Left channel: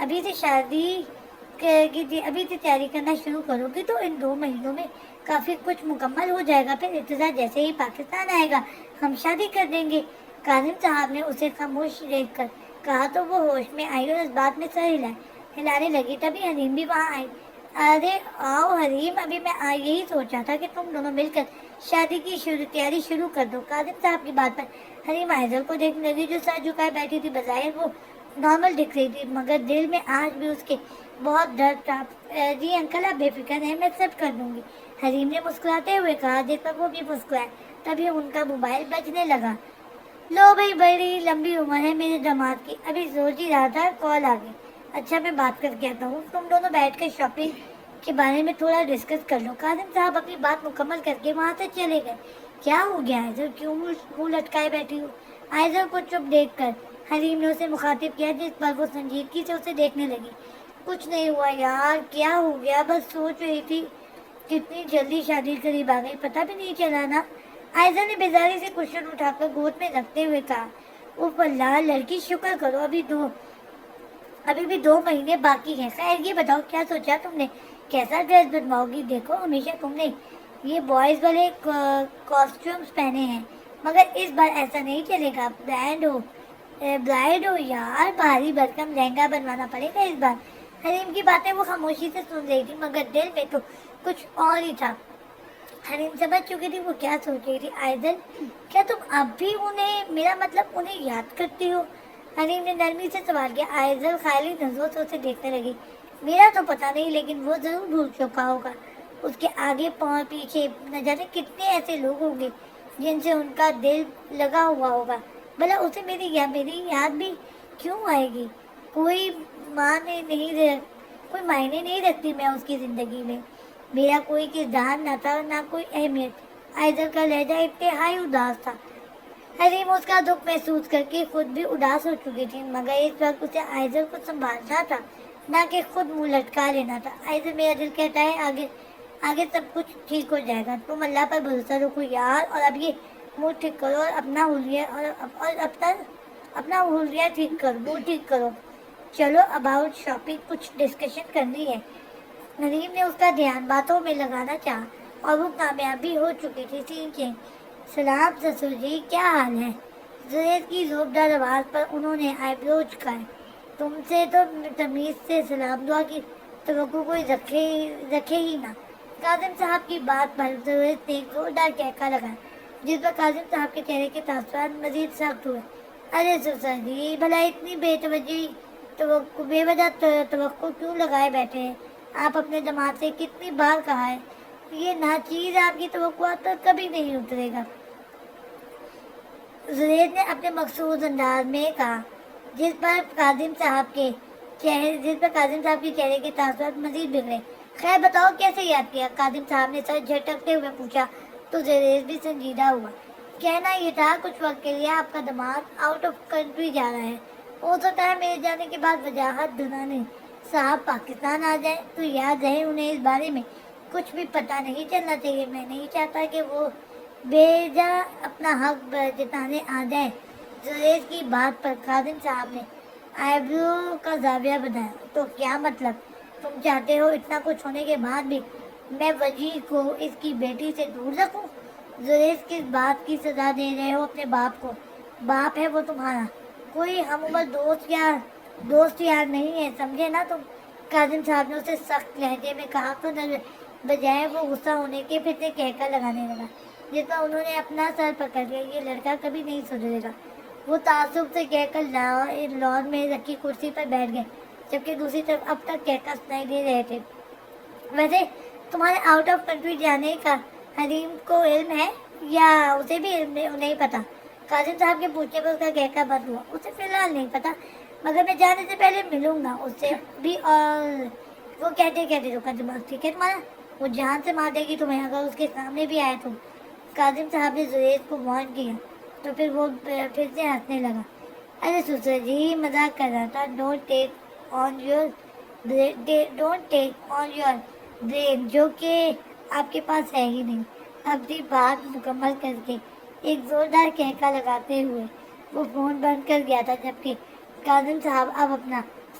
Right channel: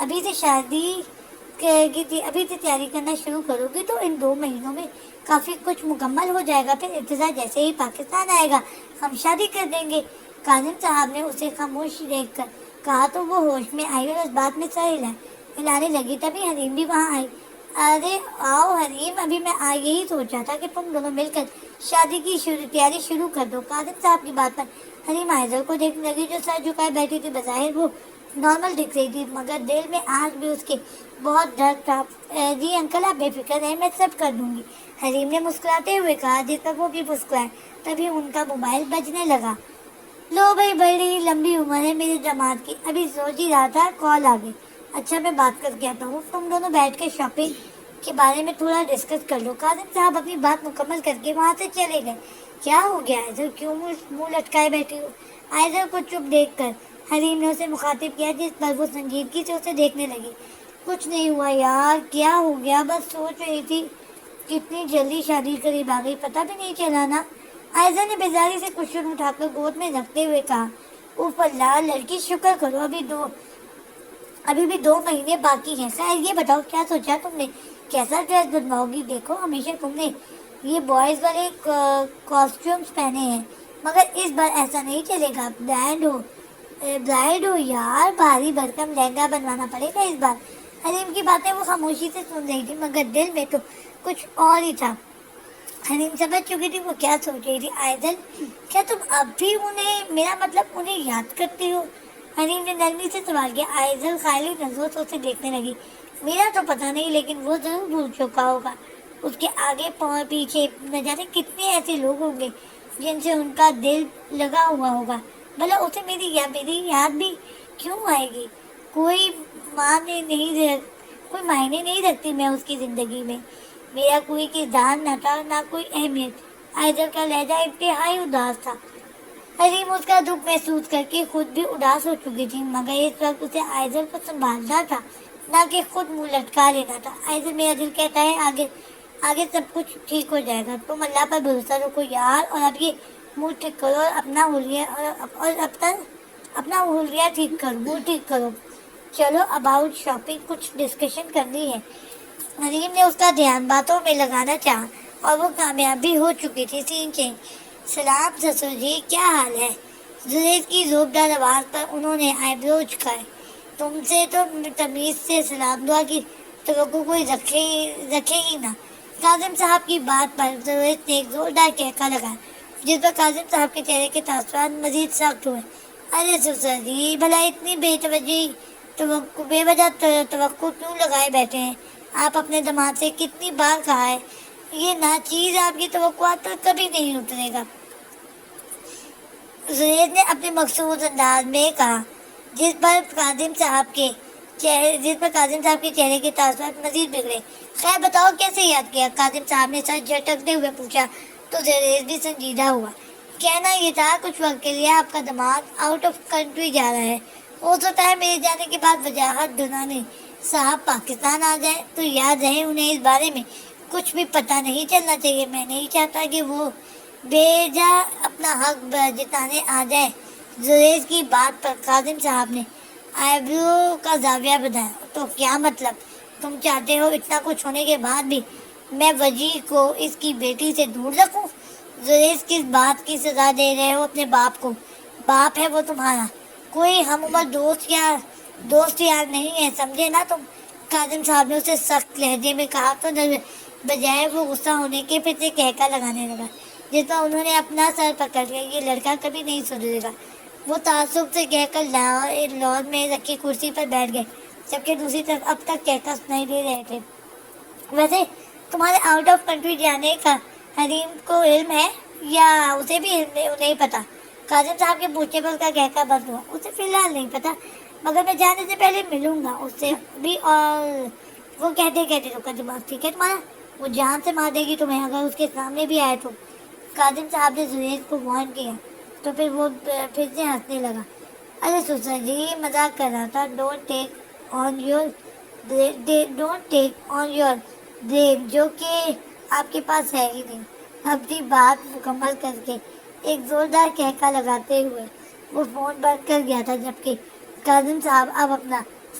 ابھی سے شادی کی ابھی سے تیاری کرنا شروع کرو گی تو ان 2 مہینوں میں کافی کچھ مکمل ہو جائے گا. پھر ابتدا جیسے ہی پاکستان آئے گا ہم شادی کر دیں گے. کاظم صاحب نے اسے خاموش دیکھ کر کہا تو وہ ہوش میں آئی اور اس بات میں سر ہلانے لگی. تبھی حلیم بھی وہاں آئی. ارے آؤ حلیم, ابھی میں یہی سوچا تھا کہ تم دونوں مل کر شادی کی تیاری شروع کر دو. کاظم صاحب کی بات پر حلیم آئزل کو دیکھنے لگی جو سر جھکائے بیٹھی تھی. بظاہر وہ نارمل دکھ رہی تھی مگر دل میں آج بھی اس کے بہت درد تھا. جی انکل آپ بے فکر رہیں, میں سب کر دوں گی, حلیم نے مسکراتے ہوئے کہا, جس پر وہ بھی مسکرائے. تبھی ان کا موبائل بجنے لگا. لو بھائی, بڑی لمبی عمر ہے میرے داماد کی, ابھی سوچ ہی رہا تھا کال آ گئی. اچھا میں بات کر کے آتا ہوں, تم دونوں بیٹھ کر شاپنگ کے بارے میں تھوڑا ڈسکس کر لو. کاظم صاحب اپنی بات مکمل کر کے وہاں سے چلے گئے. کیا ہو گیا آئزل, کیوں منہ لٹکائے بیٹھی ہو؟ آئزل کو چپ دیکھ کر حلیم نے اسے مخاطب کیا, جس پر وہ سنجیدگی سے اسے دیکھنے لگی. کچھ نہیں ہوا یار, کیا ہو گیا, بس سوچ رہی تھی کتنی جلدی شادی قریب آ گئی, پتہ بھی نہیں چلا نا. آئزل نے بیزاری سے کشن اٹھا کر گود میں رکھتے ہوئے کہا, اوف اللہ لڑکی شکر کرو, ابھی بھی 2 مہینے باقی ہیں. خیر یہ بتاؤ کیا سوچا تم نے, کیسا ڈریس بنواؤ گی؟ دیکھو ہمیشہ تم نے یہ بوائز والے کاسٹیومز پہنے ہیں مگر اس بار ایسا نہیں چلے گا. برائڈ ہو یار, بھاری بھرکم لہنگا بنوانا پڑے گا اس بار. حلیم کی باتیں وہ خاموشی سے سن رہی تھی مگر دل میں تو کچھ اور ہی تھا. حلیم سمجھ چکی تھی وہ کیا سوچ رہی تھی. آئزل کیا تم اب بھی میرا مطلب انہیں یاد کرتی ہو؟ حلیم نے نرمی سے سوال کیا. آئزل خیالی نظروں سے اسے دیکھنے لگی. میرا تو پتہ نہیں لیکن وہ ضرور بھول چکا ہوگا. اس کے آگے پیچھے نہ جانے کتنے ایسے لوگ ہوں گے جن سے ان کا دل لگا ہوا ہوگا. بھلا اسے میری یاد بھی کیوں آئے گی؟ کوئی کوئی معنی نہیں رکھتی میں اس کی زندگی میں. میرا کوئی کردار نہ تھا نہ کوئی اہمیت. آئزل کا لہجہ انتہائی اداس تھا. حلیم اس کا دکھ محسوس کر کے خود بھی اداس ہو چکی تھی مگر اس وقت اسے آئزل کو سنبھالنا تھا نہ کہ خود منہ لٹکا لینا تھا. آئزل میرا دل کہتا ہے آگے سب کچھ ٹھیک ہو جائے گا. تم اللہ پر بھروسہ رکھو یار, اور اب یہ منہ ٹھیک کرو اور اپنا حلیہ ٹھیک کرو, منہ ٹھیک کرو. چلو اباؤٹ شاپنگ کچھ ڈسکشن کرنی ہے. حلیم نے اس کا دھیان باتوں میں لگانا چاہا اور وہ کامیاب بھی ہو چکی تھی. سین چینج. سلام سسر جی, کیا حال ہے؟ زریز کی زوردار آواز پر انہوں نے آئی برو جھکائے. تم سے تو تمیز سے سلام دعا کی توقع کوئی رکھے ہی نہ. کاظم صاحب کی بات پر زریز نے ایک زوردار کہکا لگایا جس پر کاظم صاحب کے چہرے کے تاثرات مزید سخت ہوئے. ارے سسر جی, بھلا اتنی بے وجہ توقع کیوں لگائے بیٹھے ہیں؟ آپ اپنے دماغ سے کتنی بار کہا ہے یہ ناچیز آپ کی توقعات پر کبھی نہیں اترے گا. زید نے اپنے مخصوص انداز میں کہا جس پر کاظم صاحب کے چہرے کے تاثرات مزید بگڑے. خیر بتاؤ کیسے یاد کیا؟ کاظم صاحب نے سر جھٹکتے ہوئے پوچھا تو زید بھی سنجیدہ ہوا. کہنا یہ تھا کچھ وقت کے لیے آپ کا دماغ آؤٹ آف کنٹری جا رہا ہے. ہو سکتا ہے میرے جانے کے بعد وجاہت دنانے صاحب پاکستان آ جائے تو یاد رہے انہیں اس بارے میں کچھ بھی پتہ نہیں چلنا چاہیے. میں نہیں چاہتا کہ وہ بے جا اپنا حق جتانے آ جائے. زریز کی بات پر کاظم صاحب نے آئیبرو کا زاویہ بتایا. تو کیا مطلب, تم چاہتے ہو اتنا کچھ ہونے کے بعد بھی میں وجیح کو اس کی بیٹی سے دور رکھوں؟ زریز کس بات کی سزا دے رہے ہو اپنے باپ کو؟ باپ ہے وہ تمہارا, کوئی ہم عمر دوست یار نہیں ہے, سمجھے نا تم. کاظم صاحب نے اسے سخت لہجے میں کہا تو بجائے وہ غصہ ہونے کے پھر سے کہکا لگانے لگا جس پر انہوں نے اپنا سر پکڑ لیا. یہ لڑکا کبھی نہیں سدھرے گا. وہ تعصب سے کہہ کر لان میں رکھی کرسی پر بیٹھ گئے جبکہ دوسری طرف اب تک کہکا سنائی دے رہے تھے. ویسے تمہارے آؤٹ آف کنٹری جانے کا حلیم کو علم ہے یا اسے بھی علم نہیں پتا؟ کاظم صاحب کے پوچھنے پر اس کا کہکا بند ہوا. اسے فی الحال نہیں پتا مگر میں جانے سے پہلے ملوں گا اس سے بھی. اور وہ کہتے رکا دماغ ٹھیک ہے تمہارا, وہ جان سے مار دے گی تمہیں اگر اس کے سامنے بھی آئے تو. کاظم صاحب نے زریز کو وارن کیا تو پھر وہ پھر سے ہنسنے لگا. ارے سسر جی مذاق کر رہا تھا. Don't take on your brain جو کہ آپ کے پاس ہے ہی نہیں. اپنی بات مکمل کر کے ایک زوردار کہکا لگاتے ہوئے وہ فون بند کر گیا تھا جبکہ کاظم صاحب اب اپنا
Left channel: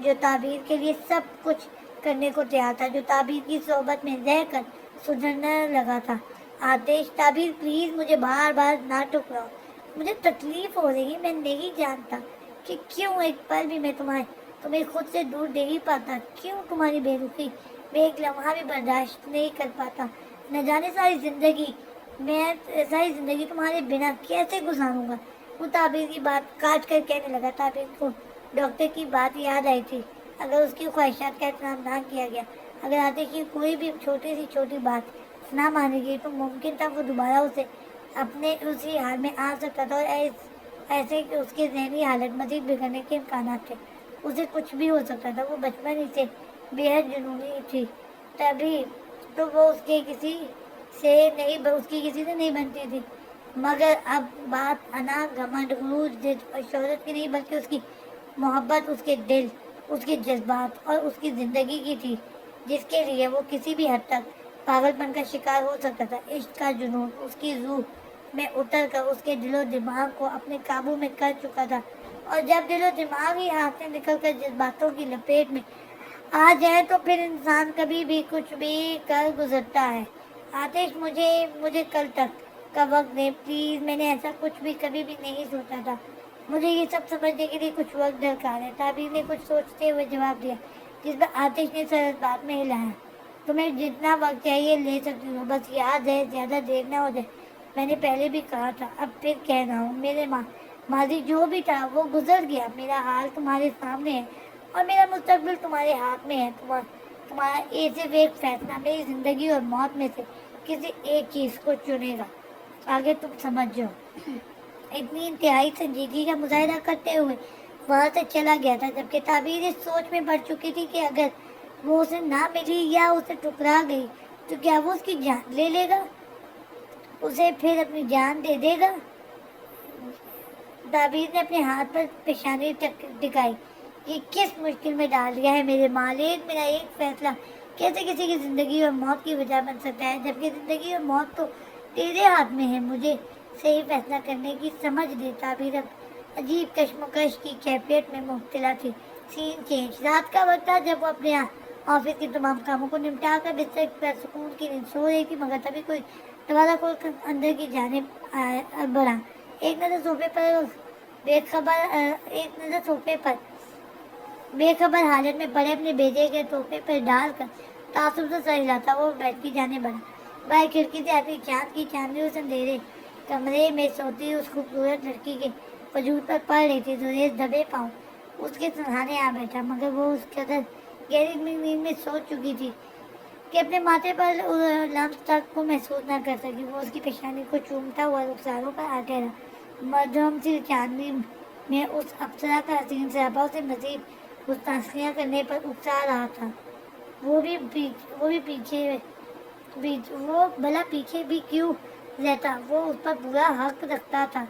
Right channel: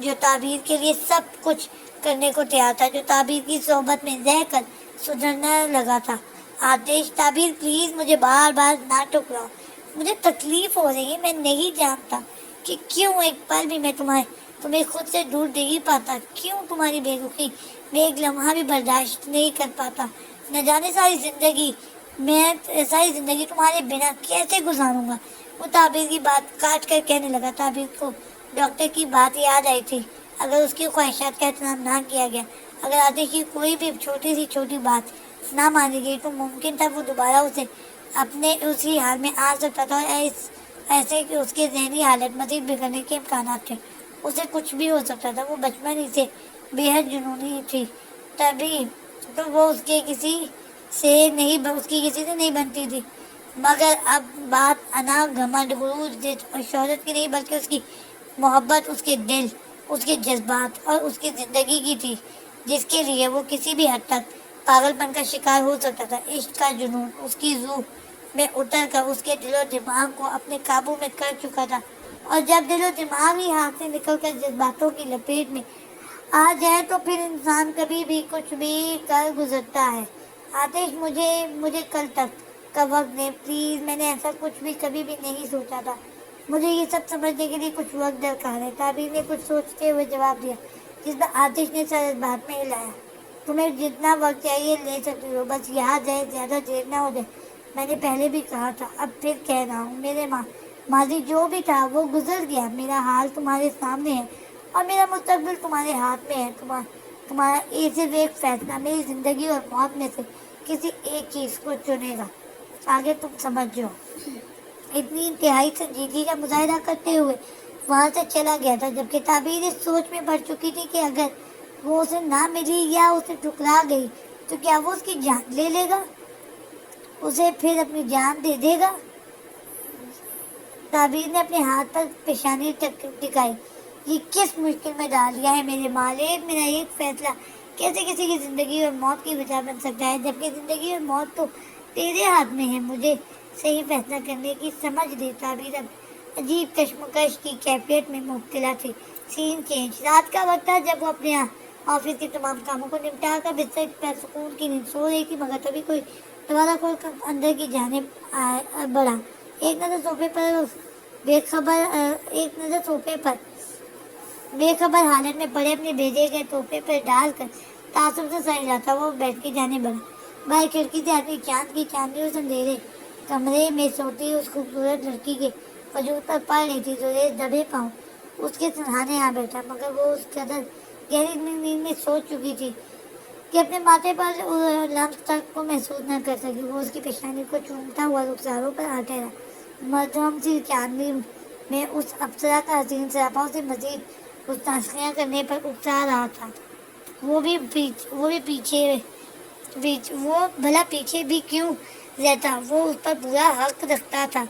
جو تعبیر کے لیے سب کچھ کرنے کو تیار تھا، جو تعبیر کی صحبت میں رہ کر سدھرنے لگا تھا۔ آتش، تعبیر پلیز مجھے بار بار نہ ٹکراؤ، مجھے تکلیف ہو رہی ہے، میں نہیں جانتا کہ کیوں ایک پل بھی میں تمہیں خود سے دور نہیں پاتا، کیوں تمہاری بے رخی میں ایک لمحہ بھی برداشت نہیں کر پاتا، نہ جانے ساری زندگی تمہارے بنا کیسے گزاروں گا۔ وہ تعبیر کی بات کاٹ کر کہنے لگا۔ تعبیر کو ڈاکٹر کی بات یاد آئی تھی، اگر اس کی خواہشات کا احترام نہ کیا گیا، اگر آتش کی کوئی بھی چھوٹی بات نہ مانی گئی تو ممکن تھا وہ دوبارہ اسے اپنے اسی حال میں آ سکتا تھا، اور ایسے کہ اس کے ذہنی حالت مزید بگڑنے کے امکانات تھے، اسے کچھ بھی ہو سکتا تھا۔ وہ بچپن ہی سے بے حد جنونی تھی، تبھی تو وہ اس کی کسی سے نہیں بنتی تھی، مگر اب بات انا، گھمنڈ، غرور، ضد اور شہرت کی نہیں بلکہ اس کی محبت، اس کے دل، اس کے جذبات اور اس کی زندگی کی تھی، جس کے لیے وہ کسی بھی حد تک پاگل پن کا شکار ہو سکتا تھا۔ عشق کا جنون اس کی روح میں اتر کر اس کے دل و دماغ کو اپنے قابو میں کر چکا تھا، اور جب دل و دماغ ہی ہاتھ سے نکل کر جذباتوں کی لپیٹ میں آ جائے تو پھر انسان کبھی بھی کچھ بھی کر گزرتا ہے۔ آتش، مجھے کل تک کا وقت دے پلیز، میں نے ایسا کچھ بھی کبھی بھی نہیں سوچا تھا، مجھے یہ سب سمجھنے کے لیے کچھ وقت درکار ہے۔ تعبیر نے کچھ سوچتے ہوئے جواب دیا، جس پر آتش نے سر اس بات میں ہلایا۔ تمہیں جتنا وقت چاہیے لے سکتی ہو، بس یاد ہے زیادہ دیر نہ ہو جائے۔ میں نے پہلے بھی کہا تھا، اب پھر کہہ رہا ہوں، میرے ماضی جو بھی تھا وہ گزر گیا، میرا حال تمہارے سامنے ہے اور میرا مستقبل تمہارے ہاتھ میں ہے۔ تمہارا صرف ایک فیصلہ میری زندگی اور موت میں سے کسی ایک چیز کو چنے گا، آگے تم سمجھ جاؤ۔ اتنی انتہائی سنجیدگی کا مظاہرہ کرتے ہوئے وہاں سے چلا گیا تھا، جبکہ تعبیر اس سوچ میں پڑ چکی تھی کہ اگر وہ اسے نہ ملی یا اسے ٹکرا گئی تو کیا وہ اس کی جان لے لے گا، اسے پھر اپنی جان دے دے گا۔ تعبیر نے اپنے ہاتھ پر پیشانی ٹکائی۔ یہ کس مشکل میں ڈال دیا ہے میرے مالک، میرا ایک فیصلہ کیسے کسی کی زندگی اور موت کی وجہ بن سکتا ہے، جبکہ زندگی اور موت تو تیرے ہاتھ میں ہے، مجھے صحیح فیصلہ کرنے کی سمجھ دے۔ تعبیر اب عجیب کشمکش کی کیفیت میں مبتلا تھی۔ سین چینج، رات کا وقت تھا جب وہ اپنے آفس کے تمام کاموں کو نمٹا کر بستر پر سکون کی نیند سو رہی تھی، مگر تبھی کوئی دروازہ کھول کر اندر کی جانب بڑھا۔ ایک نظر صوفے پر بے خبر حالت میں پڑے اپنے بھیجے گئے تحفے پر ڈال کر تعصب سے سر ہلاتا وہ بیڈ کی جانب بڑھا۔ باہر کھڑکی سے آتی چاند کی چاندنی اس اندھیرے کمرے میں سوتی اس خوبصورت لڑکی کے وجود پر پڑ رہی تھی۔ زریز دبے پاؤں اس کے سرہانے آ بیٹھا، مگر وہ اس قدر گہری نیند میں سو چکی تھی کہ اپنے ماتھے پر لمس تک کو محسوس نہ کر سکی۔ وہ اس کی پیشانی کو چومتا ہوا رخساروں پر آ ٹھہرا، مدھم سی چاندنی میں اس ابصرا کا حسین سراپا اسے مزید گستاخیاں کرنے پر اکسا رہا تھا۔ وہ بھلا پیچھے بھی کیوں رہتا، وہ اس پر پورا حق رکھتا تھا۔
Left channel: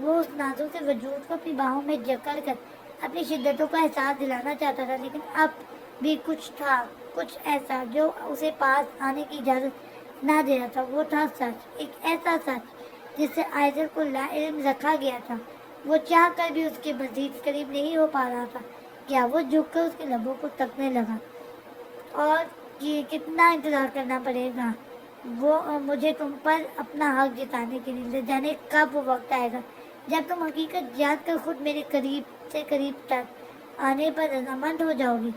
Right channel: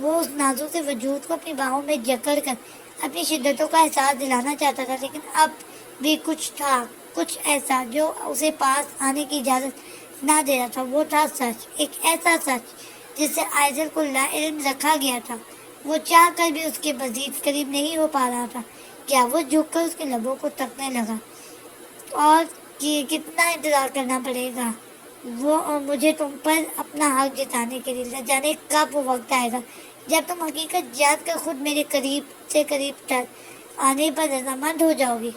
وہ اس نازک سے وجود کو اپنی باہوں میں جکڑ کر اپنی شدتوں کا احساس دلانا چاہتا تھا، لیکن اب بھی کچھ تھا، کچھ ایسا جو اسے پاس آنے کی اجازت نہ دے رہا تھا۔ وہ تھا سچ، ایک ایسا سچ جس سے آئزل کو لا علم رکھا گیا تھا۔ وہ چاہ کر بھی اس کے مزید قریب نہیں ہو پا رہا تھا۔ کیا وہ جھک کر اس کے لبوں کو تکنے لگا، اور کتنا انتظار کرنا پڑے گا مجھے تم پر اپنا حق جتانے کے لیے، نہ جانے کب وہ وقت آئے گا جب تم حقیقت جان کر خود میرے قریب سے قریب تک آنے پر رضامند ہو جاؤ گی۔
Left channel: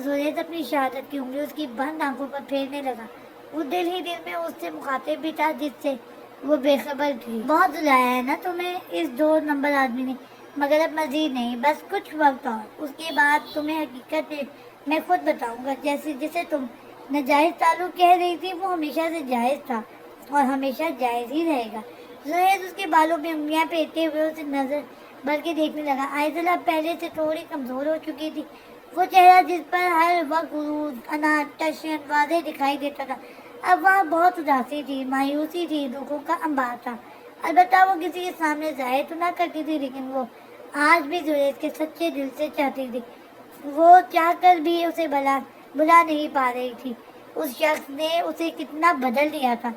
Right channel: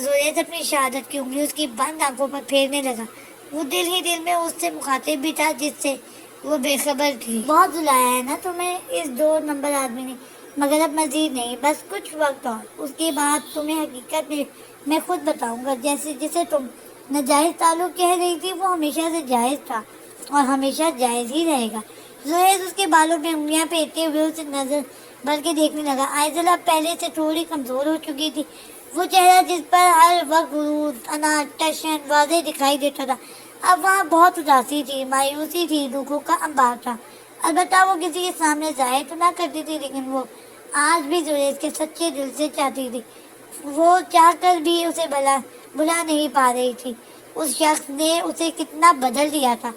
زریز اپنی شہادت کی انگلی اس کی بند آنکھوں پر پھیرنے لگا۔ وہ دل ہی دل میں اس سے مخاطب بھی تھا جس سے وہ بے خبر تھی۔ بہت رلایا ہے نا تمہیں اس 2 نمبر آدمی نے، مگر اب مزید نہیں، بس کچھ وقت اور، اس کے بعد تمہیں حقیقت میں خود بتاؤں گا۔ جسے تم ناجائز تعلق کہہ رہی تھی وہ ہمیشہ سے جائز تھا اور ہمیشہ جائز ہی رہے گا۔ زریز اس کے بالوں پہ انگلیاں پھیرتے ہوئے اسے نظر بھر کے دیکھنے لگا۔ آئزل اب پہلے سے تھوڑی کمزور ہو چکی تھی۔ وہ چہرہ جس پر ہر وقت غرور، اناٹ، ٹشن واضح دکھائی دیتا تھا، اب وہاں بہت اداسی تھی، مایوسی تھی، دکھوں کا انبار تھا۔ البتہ وہ کسی کے سامنے ظاہر تو نہ کرتی تھی، لیکن وہ آج بھی زریز کے سچے دل سے چاہتی تھی۔ وہ چاہ کر بھی اسے بلا نہیں پا رہی تھی۔ اس شخص نے اسے کتنا بدل دیا تھا۔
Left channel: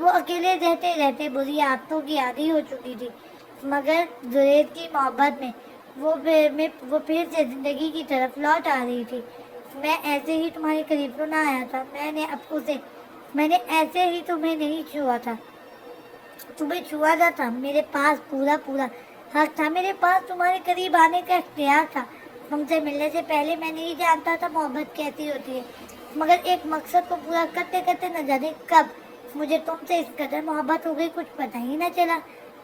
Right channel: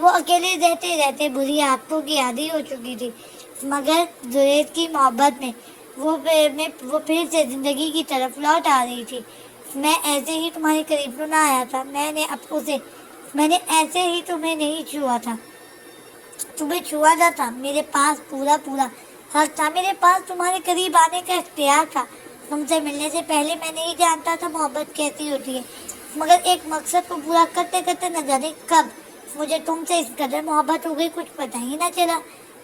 وہ اکیلے رہتے رہتے بری عادتوں کی عادی ہو چکی تھی، مگر زریز کی محبت میں وہ پھر سے زندگی کی طرف لوٹ آ رہی تھی. میں ایسے ہی تمہارے قریب تو نہ آیا تھا. میں نے ایسے ہی تمہیں نہیں چھوا تھا. تمہیں چھوا تھا. میرے پاس پورا حق تھا. میرے پاس تمہارے قریب آنے کا اختیار تھا. تم سے ملنے سے پہلے میں نہیں جانتا تھا محبت کیسی ہوتی ہے. مگر ایک مقصد کو پورا کرتے کرتے نہ جانے کب مجھے تم سے اس قدر محبت ہو گئی کچھ پتہ ہی نہ چلا.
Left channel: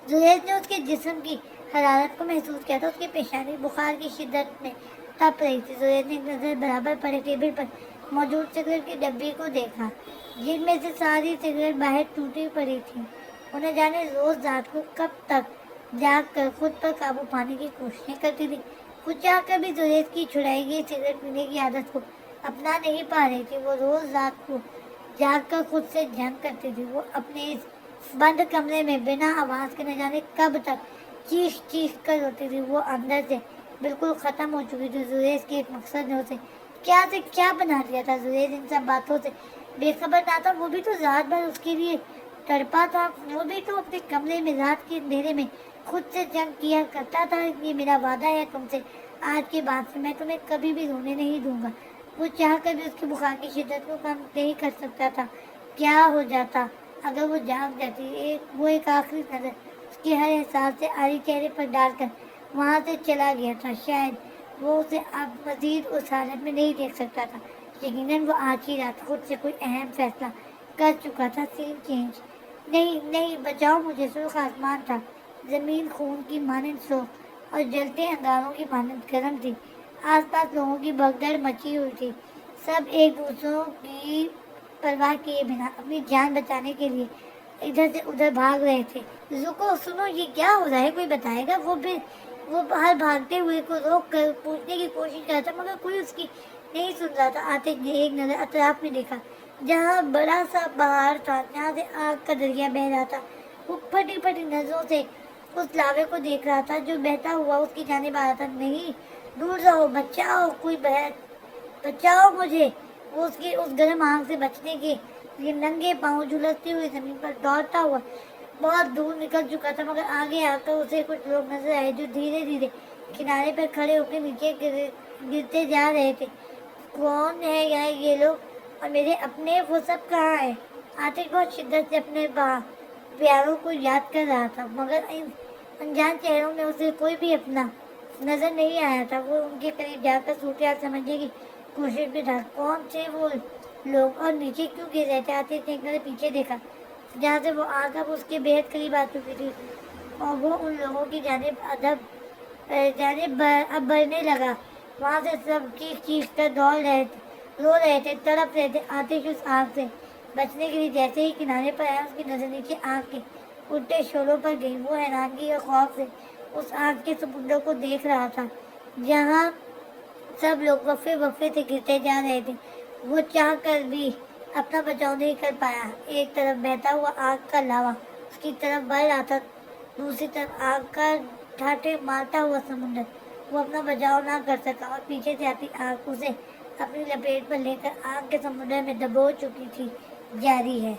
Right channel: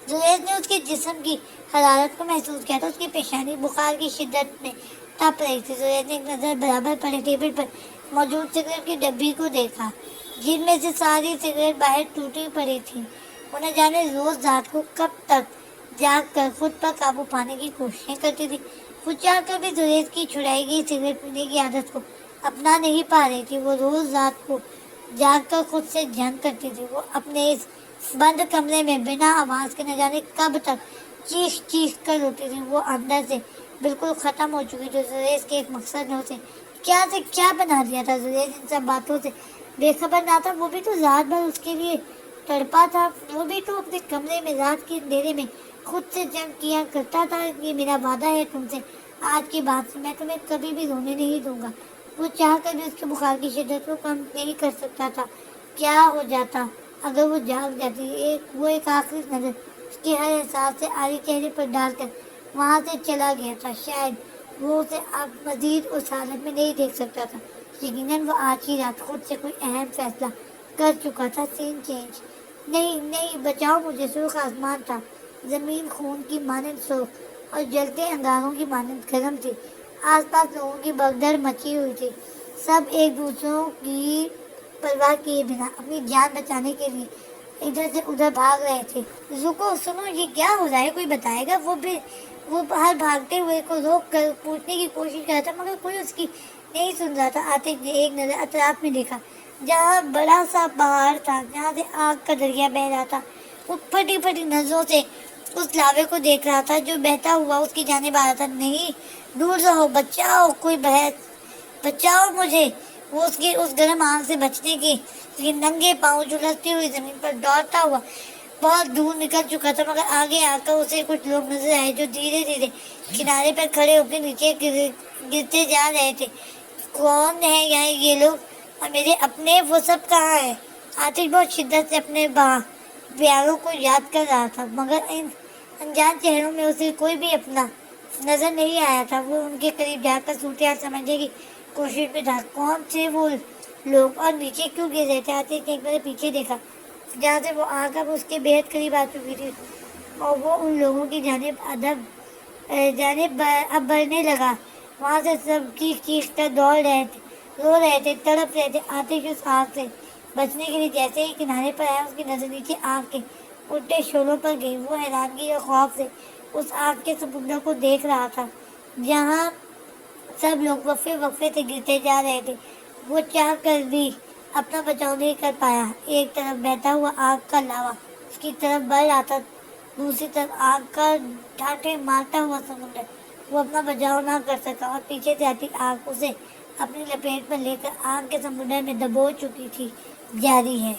زہیز نے اس کے جسم کی حرارت کو محسوس کیا تھا. اس کی پیشانی بخار کی شدت میں تپ رہی تھی. زہیز نے ایک نظر برابر پڑے ٹیبل پر موجود سگریٹ کی ڈبی کو دیکھا جن میں سے ساری سگریٹ باہر ٹوٹی پڑی تھی. انہیں جانے روز رات کو کب تک جاگ کر خود پر قابو پانے کی کوششیں کرتی تھی. خود چاہ کر بھی زہیز کی چھڑائی گئی سگریٹ پینے کی عادت کو اپنا نہیں پا رہی تھی. وہ روز رات کو جاگ کر خود سے جنگ کرتی تھی. وہ اپنے اس بند کمرے میں بنا آواز کے نہ جانے کب تک چیخ کر روتی تھی. وہ اندر سے بالکل ختم ہو چکی تھی. زہیز کے ایک مقصد نے اسے کیا سے کیا بنا دیا تھا. زہیز ان سب باتوں سے بے خبر نہ تھا. وہ بھی تو رات بھر اس کے لیے تڑپا تھا. وہ بھی تو اپنے کمرے میں رات کے اندھیرے میں خود سے جنگ کیا کرتا تھا. یہ میرا وعدہ ہے تم سے آج کے بعد سے میں تمہیں کبھی بھی رونے نہیں دوں گا. وہ چاہ کر بھی اس کے بخار کی شدت کو کم نہیں کر سکتا تھا. کیا ہو جاتا اگر وہ جاگ جاتی. وہ ایک آخری نظر اس کی ہر احساس سے آری چہرے پر ڈال کر وہاں سے چلا گیا تھا. شاید وہ اسے اب مزید اس حالت میں نہیں دیکھ سکتا تھا. یقیناً وہ آج کی رات خود سے کوئی اہم فیصلہ کر چکا تھا. سین چینج. نہیں بچاؤ مجھے. سرخ آسمان تھا. زمین خون کی مانند سرخ اور جلتے انگاروں کی مانند گرم تھی. آس پاس لوگوں کی بھگدڑ مچی ہوئی تھی. سب ایک دوسروں کی پرواہ کیے بنا اپنی جان بچانے کے لیے ادھر سے ادھر بھاگ رہے تھے. سنو یہ کیا ہو رہا ہے کوئی بتائے گا. وہ باہر بھاگتے ہوئے کو روک کر پوچھنے کی کوشش کر رہا تھا مگر کوئی اس کی نہیں سن رہا تھا. عاطف نے ایک نظر اطراف میں دیکھا جہاں بڑا سا پہاڑ تھا جہاں سے آگ کا دریا بہہ رہا تھا. وہ پھٹی نظروں سے اس لاوے کو دیکھ رہا تھا جو بہتا ہوا اس کی جانب آ رہا تھا. نہیں دور رہو. بچاؤ کوئی بچاؤ مجھے. وہ اس گرم آگ سے بچنے کے ننگے پاؤں جھلستی ہوئی زمین پر دوڑتا ہوا بہت دور نکل چکا تھا. مگر آگے آ کر اسے کچھ لوگ نظر آئے جو دھیرے دھیرے کنارے پر کھڑے ہو کے نیچے گرتے جا رہے تھے. کون ہے یہ لوگ اور میرے اپنے وہ سب کہاں ہیں. عاطف بہت شدت سے اپنے پیاروں کو یاد کر رہا تھا مگر ان انجان چہروں میں اسے کوئی بھی اپنا نظر نہیں آیا تھا. وہ ان کے قریب جا کر صورتحال سمجھنے کی کوشش میں تھا. کون تھے وہ لوگ اور نیچے کیوں گر رہے تھے. عاطف نے ایک بار پیچھے دیکھا جہاں سے وہ آنکھ اب اس کے بےحد قریب آ چکی تھی اور وہ ان لوگوں کی جانب اب بڑھنے لگا. وہاں سے سب چیخ کر رو رہے تھے تڑپ رہے تھے. عاطف اس آگ سے بچنے کے لیے جیسے ہی کنارے پر آیا اس کی نظر نیچے آگ کے اٹھتے شعلوں پر گئی. وہ حیرانگی اور خوف سے اس آگ کے سمندر کو دیکھ رہا تھا جہاں سب لوگ وقفے سے گرتے جا رہے تھے. وہ چاہ کر بھی اپنا بچاؤ نہیں کر پایا. ایک طرف بہتا ہوا آگ کا لاوا اس کی طرف بڑھ رہا تھا. دوسری طرف آگ کا ٹھاٹھے مارتا ہوا سمندر. وہ اپنا بچاؤ نہ کر سکا اور پیچھے سے آتی آگ اسے اپنی لپیٹ میں لے کر آگ کے سمندر میں دبو چکی تھی. جاری ہے.